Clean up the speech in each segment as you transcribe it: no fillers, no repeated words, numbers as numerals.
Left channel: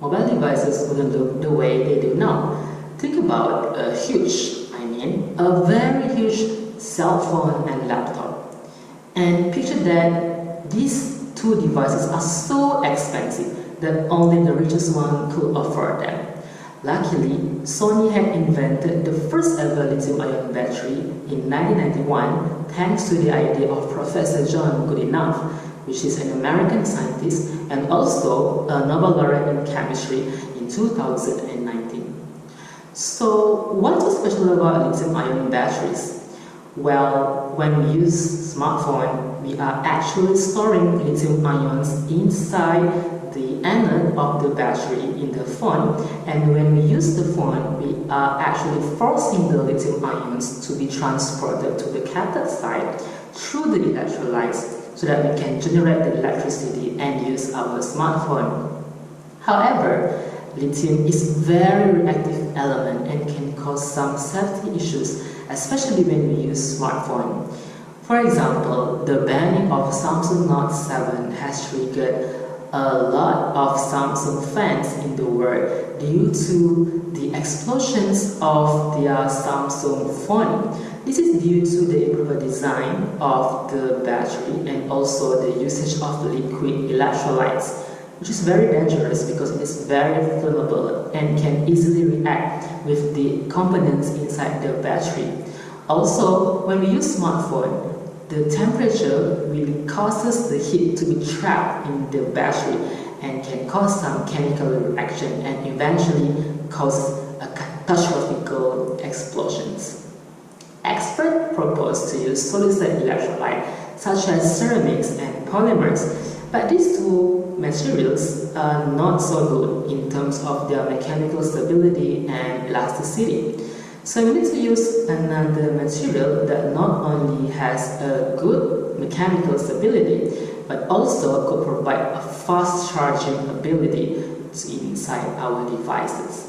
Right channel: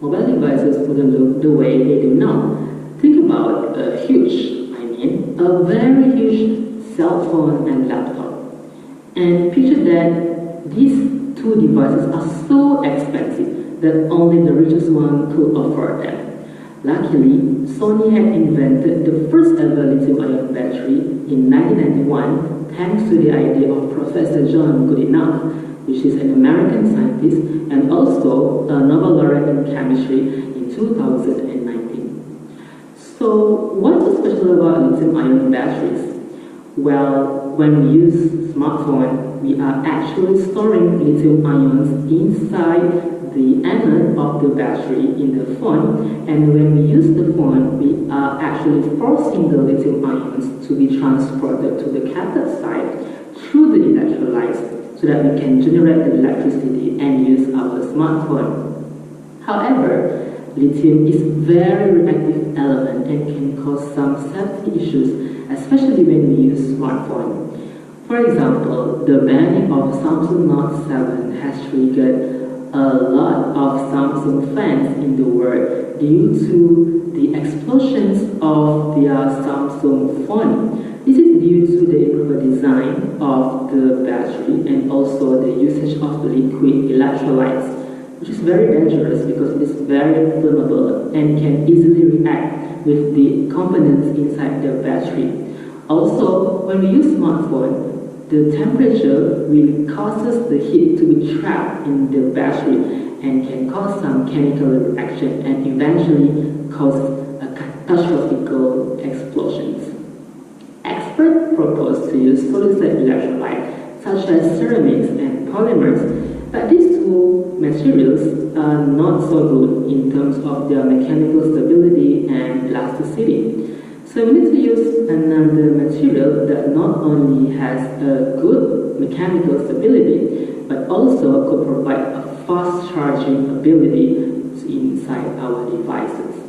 mobile devices wouldn't look the way they do now. Think about a very huge cell phone and laptop. And picture that these two devices are so expensive that only the richest one could afford them. Luckily, Sony had invented the first ever lithium-ion battery in 1991 thanks to the idea of Professor John Goodenough, which is an American scientist and also a Nobel laureate in chemistry in 2019. So, what's so special about lithium-ion batteries? Well, when we use smartphone, we are actually storing lithium ions inside the anode of the battery in the phone, and when we use the phone, we are actually forcing the lithium ions to be transported to the cathode side through the electrolytes so that we can generate the electricity and use our smartphone. However, lithium is a very reactive element and can cause some safety issues, especially when we use smartphone. For example, the banning of Samsung Note 7 has triggered a lot of Samsung fans in the world due to the explosions of their Samsung phone. This is due to the improper design of the battery and also the usage of liquid electrolytes, which is very dangerous because it is very flammable and can easily react with the components inside the battery. Also, when we use smartphone, the temperature really causes the heat to be trapped in the battery and can cause some chemical reaction and eventually cause a catastrophic explosions. Experts propose to use solid-state electrolyte such as ceramics and polymers, but these two materials are not so good in terms of their mechanical stability and elasticity. So we need to use another material that not only has a good mechanical stability, but also could provide a fast charging ability inside our devices.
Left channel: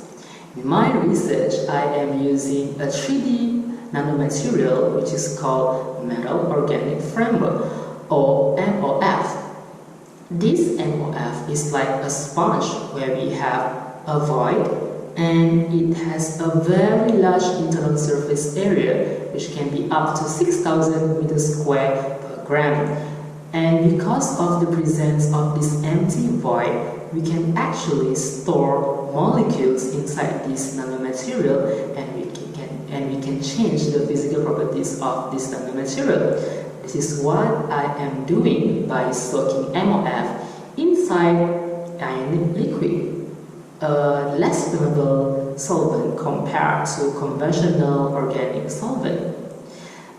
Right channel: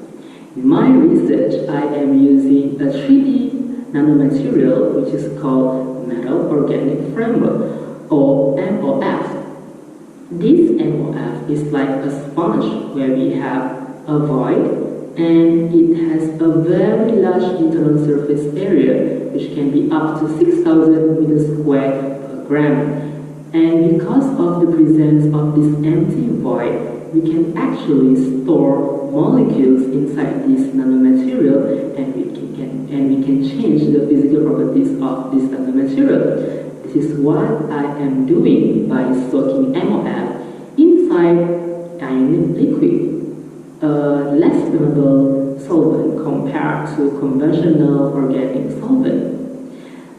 In my research, I am using a 3D nanomaterial which is called Metal Organic Framework, or MOF. This MOF is like a sponge where we have a void and it has a very large internal surface area which can be up to 6,000 meters square per gram. And because of the presence of this empty void, we can actually store molecules inside this nanomaterial and we can change the physical properties of this nanomaterial. This is what I am doing by soaking MOF inside ionic liquid, a less flammable solvent compared to conventional organic solvent.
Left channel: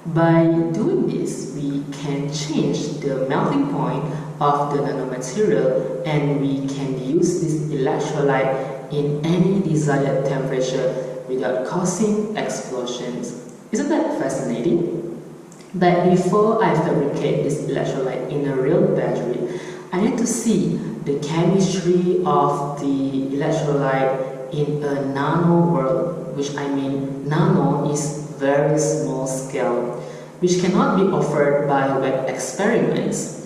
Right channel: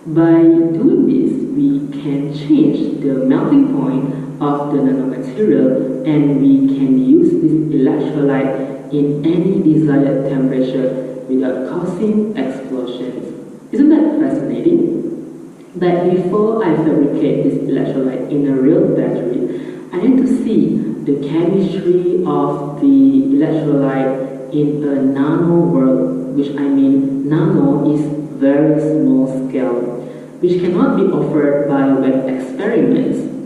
By doing this, we can change the melting point of the nanomaterial and we can use this electrolyte in any desired temperature without causing explosions. Isn't that fascinating? But before I fabricate this electrolyte in a real battery, I need to see the chemistry of the electrolyte in a nano world, which I mean nano is very small scale, which cannot be offered by web experiments.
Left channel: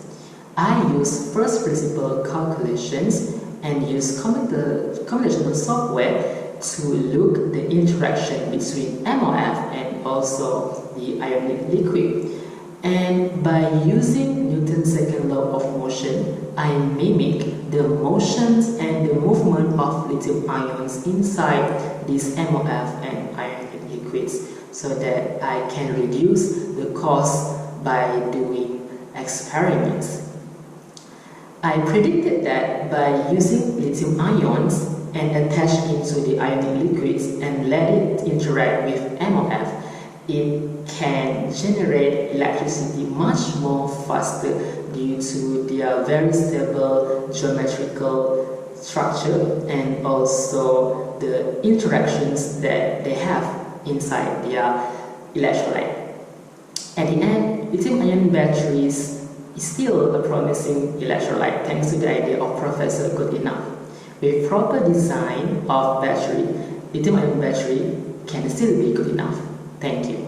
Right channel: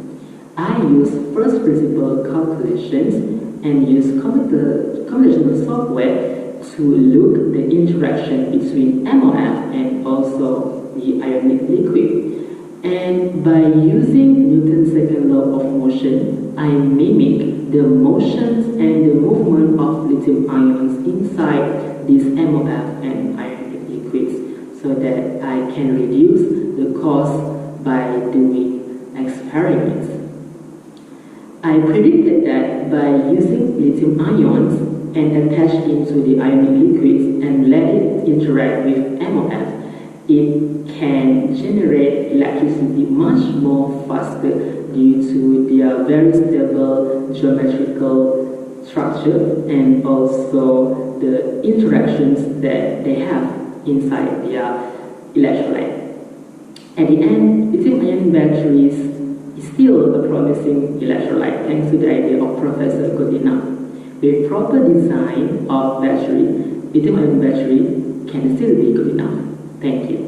I use first principle calculations and use computational software to look the interaction between MOF and also the ionic liquid. And by using Newton's second law of motion, I mimic the motions and the movement of lithium ions inside these MOF and ionic liquids so that I can reduce the cost by doing experiments. I predicted that by using lithium ions and attach into the ionic liquids and let it interact with MOF, it can generate electricity much more faster due to their very stable geometrical structure and also the interactions that they have inside their electrolyte. At the end, lithium-ion batteries is still a promising electrolyte thanks to the idea of Professor Goodenough. With proper design of battery, lithium-ion battery can still be good enough. Thank you.